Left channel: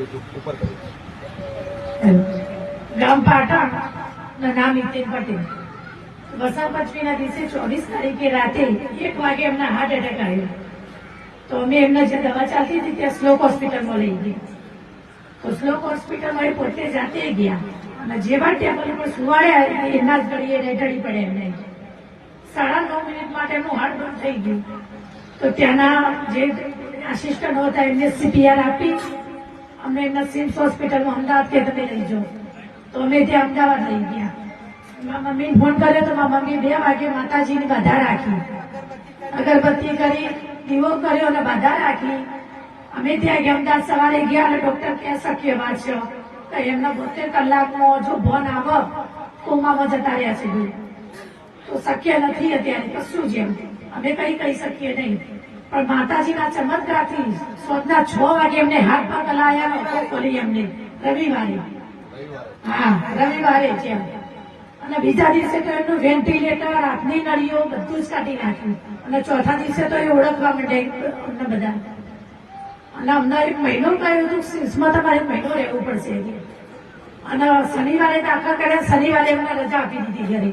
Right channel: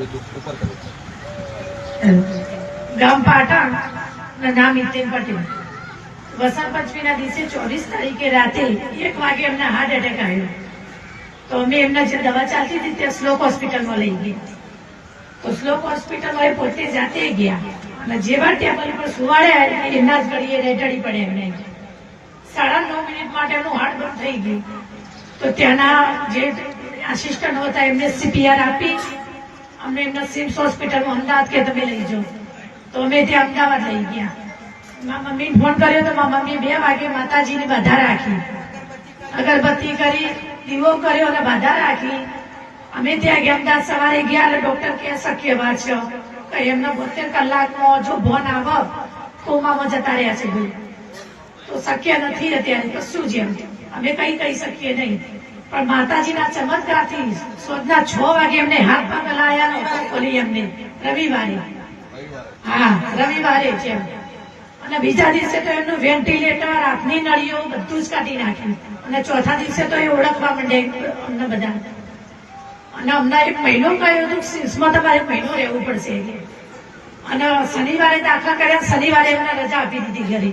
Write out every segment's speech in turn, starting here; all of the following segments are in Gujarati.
ઉપર કર્યું? ગામ પાટણ નામ હિતેન પટેલ. વસંત પંચમીના દિવસે 24 તારીખે રાતે 1 વાગે એમને હાર્ટ એટેક આવ્યો. તો અમે એમને જે દવા ચાલતી હતી ત્યાં શ્લોક હોસ્પિટલમાં લઈ ગયા. તો શ્લોક હોસ્પિટલમાં એ પોતે જાતે ગયા અને જેવા ટેબલ પર સુવાડ્યા એમના જ ઘડીએ રેટડી પડે એમને 9.5 મિનિટ માટે એમનું હાર્ટ બંધ થઈ ગયું. તો ત્યાંના જે આસિસ્ટન્ટ હતા એમને CPR આપી અમને એમના સિમ્સ હોસ્પિટલમાં અમદાવાદ કે તમે લઈ જાઓ. તો અમે ત્યાં અમદાવાદ લઈ ગયા. મારા મમ્મીને ફોન કર્યો તો મારા મમ્મી 2 વાગે માતાજીની બાધા રાખી, અગરબત્તી કરી, દીવો કર્યો અને બાધા રાખી. અમે ત્યાં ગયા. અમદાવાદ સવારે ગયા એટલે ડોક્ટર કે શક્ય વાત છે તો એમને 72 કલાકમાં જો ભોન આવે કોમામાં જતા રહ્યા છે ભાઈ, તો શક્ય નથી અત્યારે કશું જ. એમ અમે કઈ કહી શકીએ નહીં, પણ માતાજીના ચમત્કારથી સાંજના 6 વાગે એમને હાથ પગ હલાવ્યા ને ખોલી એમને રવિવારે. હા, રવિવારે છે. અને બીજા દિવસે તો એમનું વેન્ટિલેટર, હાથની નળીઓ બધું જ કાઢી નાખ્યું. અને ચોથા દિવસે તો એ ઓળખવા માંડે અમને બધા. અને અમને 1 મહિનો કહ્યું હતું સિમ્સમાં તમારે 1 મહિનો રહેવું પડશે. અને શનિવારે દાખલા કર્યા, શનિવારે એમને રજા આપી દીધી ઘરે.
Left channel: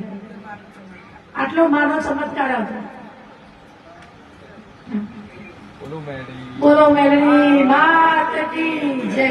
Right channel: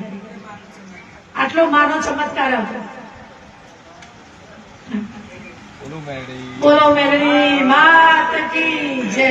આટલો માનો ચમત્કાર હતો. બોલો મેલડી માત કી જય.